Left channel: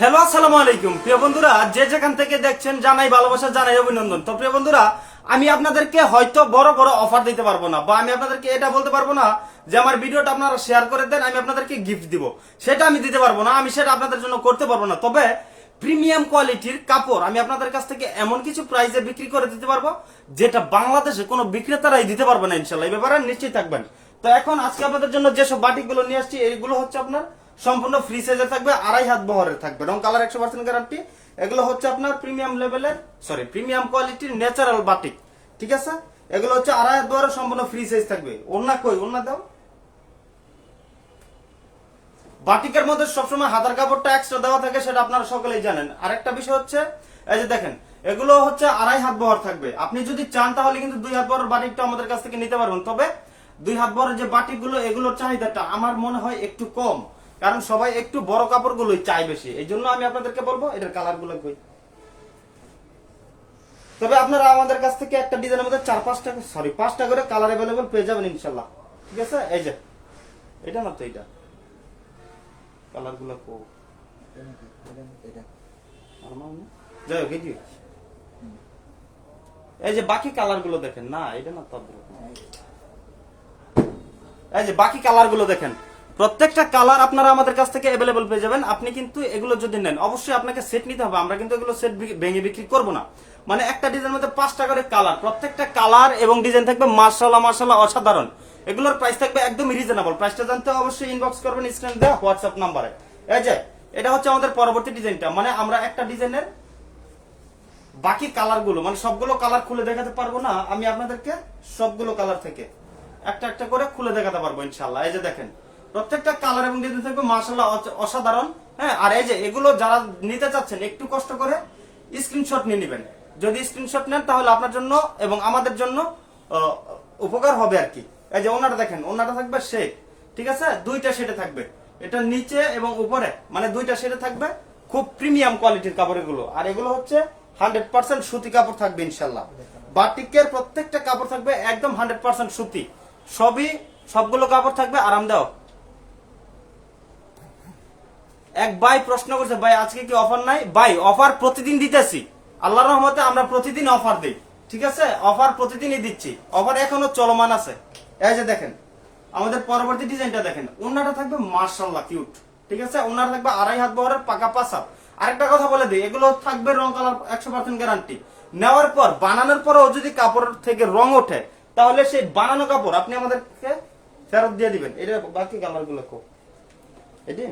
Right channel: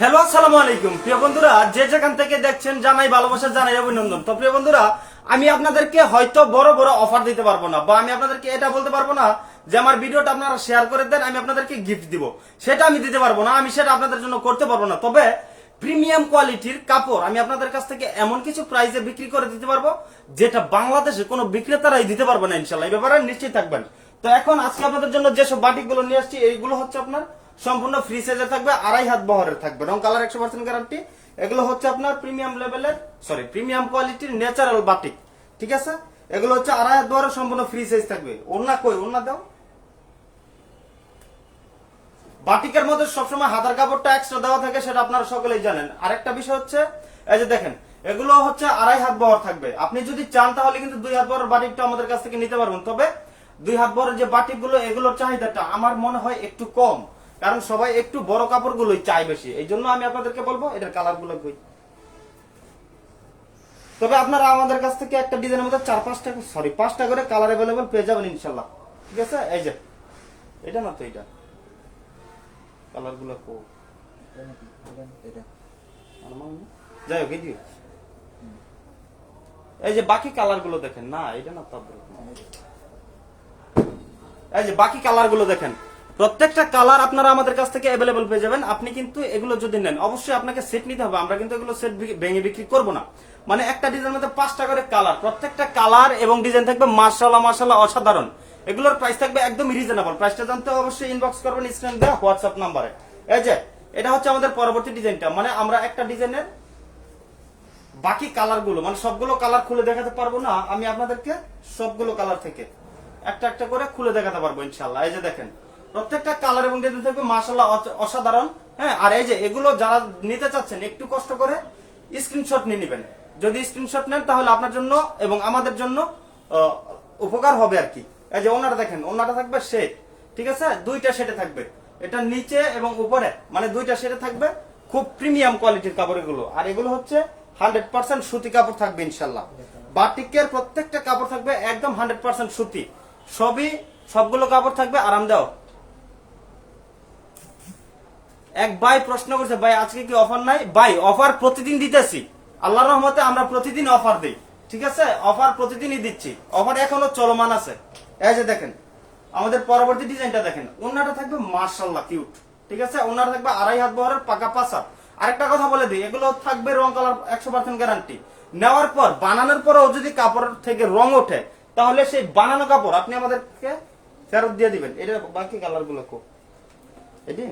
Hello, আসসালামু আলাইকুম। প্রিয় বন্ধুরা, যে যেখান থেকে দেখছেন, জানাই ভালোবাসা, জানাই অভিনন্দন। তো প্রিয় বন্ধুরা, আমি আপনাদেরকে হয়তো বড় বড় অফার দিতে পারব না, বা আমি আপনাদেরকে এটা বলতে পারব না যে আমার ভিডিওটা আপনারা শেয়ার করে দেন, আমি আপনাদেরকে গিফট দিব। সেটা আমি দিতে পারব না, আমি সেটা আপনাদের জন্য করতে পারব না। তবে প্রিমিয়াম কোয়ালিটির কাপড় আমি আপনাদের কাছ থেকে এমন কিছু প্রাইসে বিক্রি করে দিতে পারব, যেটা বাংলাদেশে কোনো বিক্রেতারাই দিতে পারবে না, ইনশাল্লাহ। এই ব্যাপারে নিশ্চিত থাকবেন। তো এখন আজকে আপনাদের জন্য যেসব বাটিকগুলো নিয়ে আসছি, এইগুলো হচ্ছে আপনার সম্পূর্ণ ফ্রি সাইজে থাকবে, আড়াই হাত বহরের থাকবে। রং কালার একশো পার্সেন্ট গ্যারান্টি এগুলো হচ্ছে আপনার প্রিমিয়াম লেভেলের সরি প্রিমিয়াম কোয়ালিটির ন্যাচারাল বাটিক ঠিক আছে? এগুলো হচ্ছে আড়াই হাত বহরের সম্পূর্ণ ফ্রি সাইজ থাকবে। ওনা কই? ওনা দাও। বাটিকের মধ্যে সবসময় হাতার কাপড়টা এক্সট্রা দেওয়া থাকে, সেটা আপনারা সকলেই জানেন। আরেকটা বিষয় হচ্ছে, এই যে দেখেন, এগুলো হচ্ছে আড়াই হাত বহর থাকবে। আপনি যদি চান, তাহলে কিন্তু দুই হাত বহরের বাটিকটা আমাদের কাছ থেকে নিতে পারবেন। তবে দুই হাত বহরের যে বাটিকগুলো, এগুলোর চাহিদাটা আমার মনে হয় একটু কম। কারণ সবাই একটু বড় কাপড়গুলোই চাই বেশি। এই জন্য আমি আপনাদেরকে বলব এটার কালারগুলো কই। তবে আপনারা আমাদের কাছ থেকে একটা ডিজাইনের মধ্যে চার পাঁচটা সরি পাঁচটা করে কালার অ্যাভেলেবেল পেয়ে যাবেন ইনশাল্লাহ। ঠিক আছে? এই যে এটা না তো এটা কালারগুলো কো? যাই হোক এই যে। এই যে বাকি কালারগুলো দেখেন না এটা না তদ্রুপ না। এই যে বাকি কালারগুলো দেখেন। প্রত্যেকটা কালার আপনারা আমাদের কাছ থেকে অ্যাভেলেবল পেয়ে যাবেন। আপনি কিন্তু এগুলো যদি নেন, অবশ্যই আপনাকে সেট নিতে হবে। আমরা কিন্তু এগুলো সেট ভেঙে বিক্রি করব না। মানে একটা ডিজাইনের মধ্যে পাঁচটা করে কালার প্রত্যেকটা কালার এবং ডিজাইন থাকবে মার্শাল্লাহ মার্শাল্লাহ অসাধারণ। এগুলোর প্রাইস থাকবে একদম রিজনেবল প্রাইসটা জানতে অবশ্যই ইনবক্স করবেন স্ক্রিন দেওয়া হোয়াটসঅ্যাপ নাম্বারে এই যে, এটা হচ্ছে আমাদের পরবর্তী ডিজাইনটা মানে আমরা একটা ডিজাইনের বাকি কালারগুলো মানে সবগুলো কালার খুলে দেখাতে পারব না। আমি আপনাদেরকে সবগুলো কালার থেকে একটা একটা করে খুলে দেখাতে পারব ইনশাল্লাহ এই যে দেখেন প্রত্যেকটা কালার এবং ডিজাইন থাকবে মার্শাল্লাহ অসাধারণ। হ্যাঁ আর এই যে এগুলো যারা নিতে চাচ্ছেন, একটু কষ্ট করে স্ক্রিনশট নিয়ে নেবেন। যদি স্ক্রিনশট নেন, তাহলে আপনার জন্য এবং আমাদের জন্য উপকার হবে আর কি। এই যে ওনাটা দেখেন ওনাটা থাকবে শেড ঠিক আছে? দুইটা শেডে থাকবে। এটা নিচে এবং উপরে মানে দুইটা শেডে থাকবে খুব প্রিমিয়াম কোয়ালিটির কাপড় এগুলো আর এগুলো হচ্ছে হান্ড্রেড পার্সেন্ট সুতি কাপড় থাকবে ইনশাল্লাহ বাটিকের প্রত্যেকটা কাপড় থাকবে একদম হান্ড্রেড পার্সেন্ট সুতি। সবই সবগুলো কাপড় থাকবে আরামদায়ক। এক ভাই প্রশ্ন করছে, ভাই, আজকে কি অফার নাই? ভাই, অফার প্রতিদিন দিতেছি। আল্লাহর রহমতে আমরা প্রতিদিন অফার দিই, ঠিক আছে? অফার প্রতিদিনই দিচ্ছি। অফার এখনও চলমান আছে। এই যে দেখেন, আমাদের পরবর্তী ডিজাইনটা দেখেন। ওনাটা থাকবে মার্শাল্লাহ কিউট, ঠিক আছে? ওনাটা থাকবে আড়াই হাত বহরের পাকা পাসা আরেকটা কথা বলে দিই, এগুলো থাকবে রং কালার একশো পার্সেন্ট গ্যারান্টি। নেওয়ার পর, বানানোর পরেও যদি কাপড় থেকে রং ওঠে, তাহলে সেই বানানো কাপড় আপনি আমাদেরকে ফেরত দিয়ে দিবেন। এটা বাকি কালারগুলো কো এটি?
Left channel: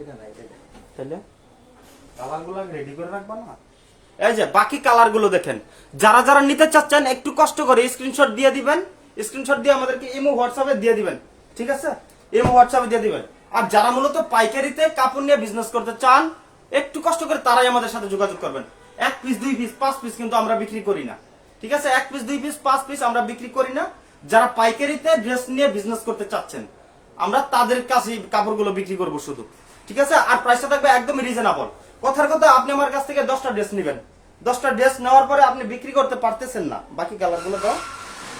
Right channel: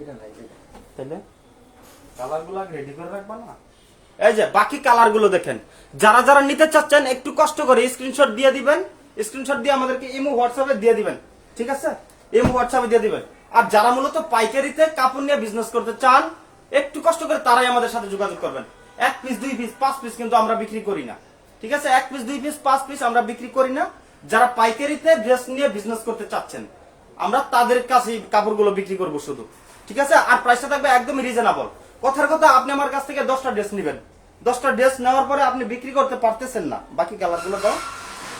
এটা নাই এটা তাহলে কালারগুলো রেডি করে রাখবা না? এই যে বাকি কালার দেখেন। যারা যারা নিতে চাচ্ছেন একটু কষ্ট করে স্ক্রিনশট দিয়ে দিবেন। স্ক্রিনশট দিয়ে আমাদেরকে ইমো হোয়াটসঅ্যাপে দিয়ে দিবেন। ঠিক আছে? ইমো হোয়াটসঅ্যাপে দিয়ে দিবেন। আর যারা মূলত পাইকারিতে কাপড় নিয়ে বিজনেস করতে চান একটু কষ্ট করে তারাই আমাদের সাথে যোগাযোগ করবেন। এক পিস দুই পিস পাঁচ পিস কিন্তু আমরা বিক্রি করি না। ঠিক আছে? এক পিস দুই পিস পাঁচ পিস আমরা বিক্রি করি না। যারা পাইকারিতে ড্রেস নিয়ে বিজনেস করতে চাচ্ছেন আমরা তাদের কাছে কাপড়গুলো বিক্রি করব শুধু। ঠিক আছে? আর প্রাইসটা থাকবে একদম রিজনেবল কথার কথা, আপনি আমার কাছ থেকে দশটা ড্রেস নেবেন। দশটা ড্রেস নেওয়ার পরে আপনি বিক্রি করতে পারতেছেন না। বাকি কালারগুলো দাও।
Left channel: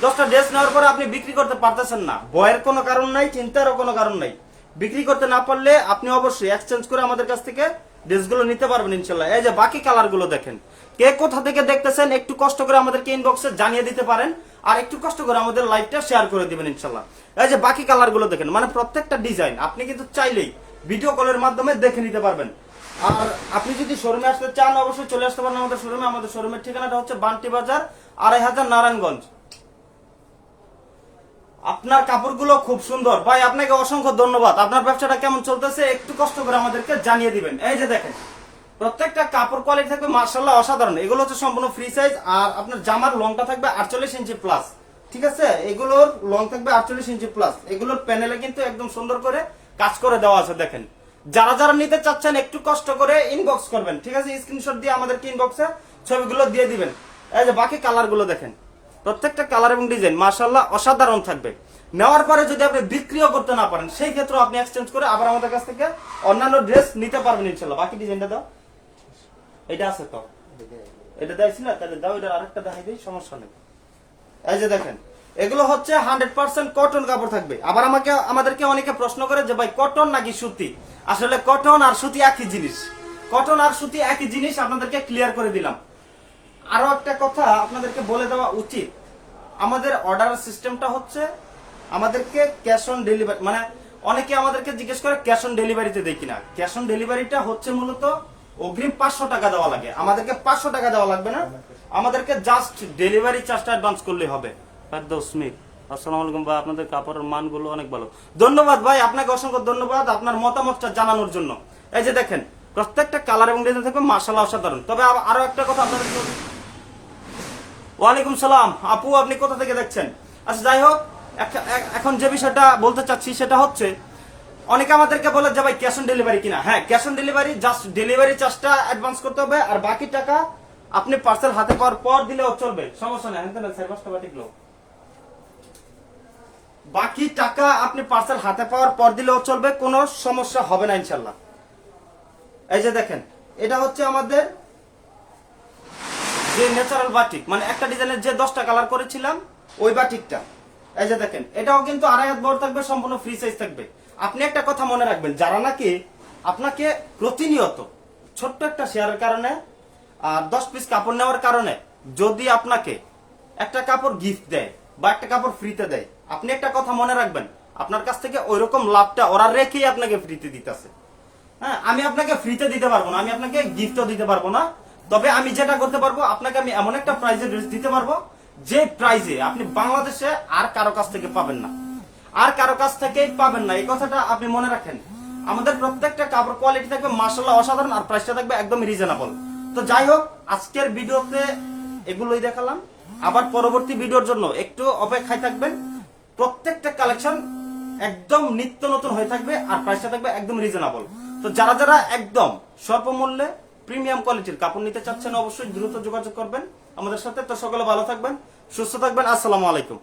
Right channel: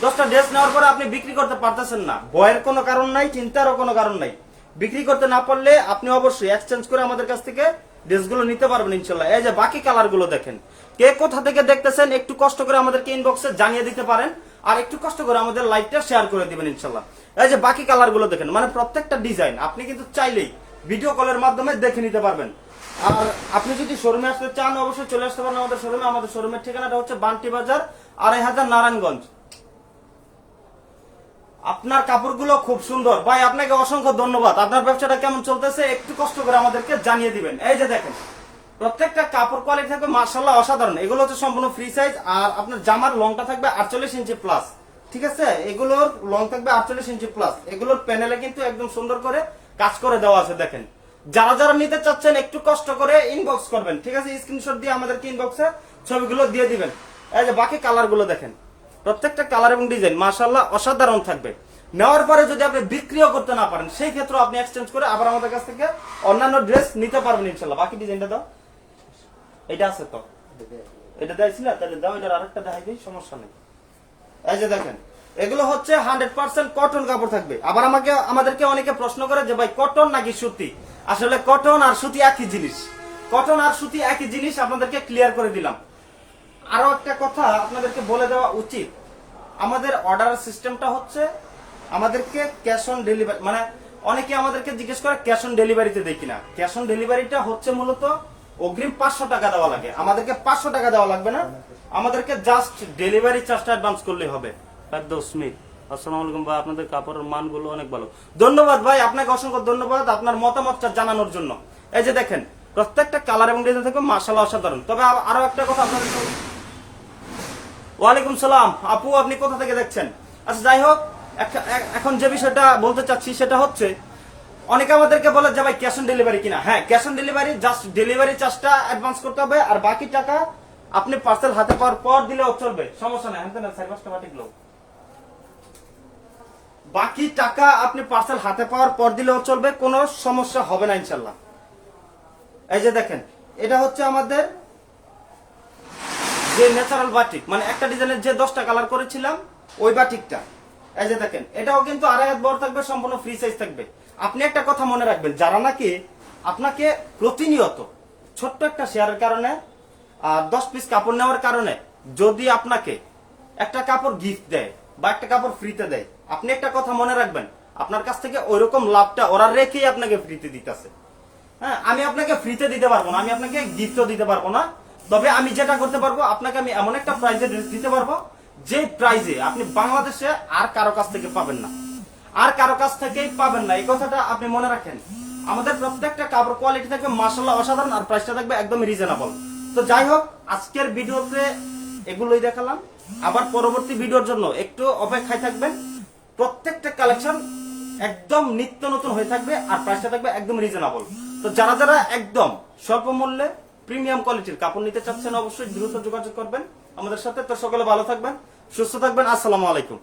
দশটা ড্রেস নেওয়ার পরে আপনি বিক্রি করতে পারতেছেন না। ভয়ের কোনো কারণ নাই, চিন্তারও কোনো কারণ নাই। বিক্রি করতে না পারলে আপনি অবশ্যই এক্সচেঞ্জ করে আমাদের কাছ থেকে ড্রেসগুলো নিতে পারবেন ইনশাল্লাহ। এই যে বাকি কালারগুলো দেখেন। কে কোথা থেকে দেখতেছেন, একটু কষ্ট করে আমাদেরকে ইনবক্সে জানিয়ে দিতে পারেন। আর একটু কষ্ট করে আমাদের লাইভটা শেয়ার করে দিবেন ইনশাল্লাহ। এই যে বাকি কালারগুলো দেখেন মানে প্রত্যেকটা ডিজাইন আপনি কিন্তু চাইলেই ভিডিও কলের মাধ্যমে দেখে নিতে পারবেন। আর আপনি যদি শোরুমে আসতে চান, অবশ্যই চলে আসতে পারেন আমাদের শোরুমে। আমাদের শোরুমের ঠিকানাটা হচ্ছে বান্টি বাজার, আড়াই হাজার নারায়ণগঞ্জ। আপনার কাপড়গুলো খুব সুন্দর। ভাই, আপনাকে অসংখ্য ধন্যবাদ। আপনার ব্যবসাটা কেমন চলতেছে, একটু কষ্ট করে আমাদেরকে জানিয়ে দিবেন। এই যে দেখেন, প্রত্যেকটা কাপড় কোয়ালিটি থাকবে মার্শাল্লাহ অসাধারণ। এগুলো হচ্ছে সম্পূর্ণ ফ্রি সাইজ আর আপনার জামার লংটা থাকবে আটচল্লিশ ইঞ্চি প্লাস ঠিক আছে? এগুলোর লং থাকবে আটচল্লিশ ইঞ্চি প্লাস এগুলোর প্যানেলে কিন্তু একদম সুন্দর করে কাজ করে দেওয়া আছে, দেখেন। যারা যারা নিতে চাচ্ছেন, একটু কষ্ট করে ইনবক্স করবেন। ঠিক আছে? স্ক্রিনশট দিয়ে আমাদেরকে ইনবক্সে ছবিগুলো দিয়ে দিবেন। এই যে বাকি কালারগুলো দেখেন। প্রত্যেকটা কালার এবং ডিজাইন মার্শাল্লাহ অসাধারণ থাকবে। নেওয়ার পরে যদি আপনি বিক্রিও করতে না পারেন, সেই ক্ষেত্রে আপনি এক্সচেঞ্জ করে আবার আমাদের কাছ থেকে অন্যান্য ড্রেস নিতে পারবেন ইনশাল্লাহ বাকি ডিজাইনটা দাও। এটা আছে তো। এটা দেখছি না? তাহলে দাও, এটার আরেকটা দেখাই দিই, সমস্যা নেই। এই যে দেখেন এগুলো হচ্ছে হান্ড্রেড পার্সেন্ট কটন কাপড় থাকবে। আবার আমাকে, আমাদেরকে অনেকে প্রশ্ন করে যে, ভাই, কটন নাকি সুতি? আসলে কটন আর সুতি একই জিনিস। কটন আর সুতি একই জিনিস আপনাদেরকে ক্লিয়ার করে দিলাম। আরও একটা কথা আপনাদেরকে বলে দেওয়া উচিত। আমাদের অর্ডার সিস্টেমটা হচ্ছে আমাদেরকে ক্যাশ অন ডেলিভারি মানে অনেকে আমাদেরকে জিজ্ঞেস করে ক্যাশ অন ডেলিভারিতে দেয় কিনা। ক্যাশ অন ডেলিভারিটা হচ্ছে মূলত অগ্রিম পাঁচশো টাকা দেওয়া লাগে। আমাদেরকে পাঁচশো টাকা দেওয়া লাগবে না। আমাদেরকে জাস্ট ডেলিভারি চার্জটা অ্যাডভান্স করলে হবে। আপনাদের কাপড়ের মানগুলো অনেক ভালো। ধন্যবাদ ভাই, আপনাকে অসংখ্য ধন্যবাদ আপনার মতামতটা জানানোর জন্য। এই যে দেখেন, প্রত্যেকটা কালার এবং ডিজাইন থেকে মার্শাল অসাধারণ। তবে আরও একটা কথা আপনাদের ওয়ালাইকুম সালাম। আপু, আপনি কোথা থেকে দেখছেন? আচ্ছা যাই হোক এখন যে বিষয়টা বলতে চাচ্ছি সেটা হচ্ছে, অনেকে আমাদেরকে বলে যে ভাই ক্যাশ অন ডেলিভারি কিনা। হ্যাঁ cash on delivery just delivery চার্জটা অ্যাডভান্স করতে হবে, আর বাকি টাকা আপনি পার্সেল হাতে পাওয়ার পর দিলেও চলবে। সমস্যা নাই হ্যাঁ সাড়ে পাঁচটা লোক। বাকি টাকা আপনি পার্সেল হাতে পাওয়ার পর দিলেও চলবে, কোনো সমস্যা হবে না ইনশাল্লাহ এই যে দেখেন, এটা হচ্ছে আমাদের যে ন্যাচারাল বাটিক মানে একটা ডিজাইনের যে দশটা কালার করেছিলাম, ওই বাটিকটা এই যে দেখেন, এটাও কিন্তু আড়াই হাত বড় থাকবে, সম্পূর্ণ ফ্রি সাইজ থাকবে। আপনি একটা কথা মনে রাখবেন, যারা নাকি আপনাকে প্রতিনিয়ত ছোট্ট একটা শেয়ারের কারণে আর দশ পিস কাপড় নেওয়ার কারণে যদি আপনাকে একটা কাপড় গিফট দেয় বা একটা কাপড় ফ্রিতে দেয়। আপনি একটা কথা মনে রাখবেন, আপনার কাছ থেকে ওইরকম লাভটা ওরা রেখেই আপনাকে ফ্রিতে দিতেছে। হ্যাঁ আমি আপনাকে ফ্রিতে দিতে পারব না, আমি আপনাকে গিফটও দিতে পারব না, তবে আমি যেটা করতে পারব, আপনাকে আমি এমন একটা প্রাইজে দিতে পারব, যে প্রাইজে আপনি বাংলাদেশে আর কারও কাছ থেকে পাবেন না। আর কারও কাছ থেকেই পাবেন না, এই কথাটা আপনি মনে রাখেন। আমাদের প্রত্যেকটা কাপড় কোয়ালিটি থাকবে মাসাল্লাহ অসাধারণ, আর প্রাইসটা থাকবে একদম রিজনেবল তো যাই হোক, আজকের ভিডিওতে এগুলোই দেখালাম। আবার পরবর্তী ভিডিওর জন্য একটু অপেক্ষায় থাকবেন। প্রত্যেকটা কালেকশন একদম নিত্য নতুন হয়ে থাকবে আর প্রাইসটা থাকবে একদম রিজনেবল তো যারা যারা একদম স্বল্প মূল্যে প্রিমিয়াম কোয়ালিটির কাপড় নিতে চাচ্ছেন, অবশ্যই দ্রুত যোগাযোগ করবেন। আমাদের সাথে তো সকলে ভালো থাকবেন, সুস্থ থাকবেন। আসসালামু আলাইকুম।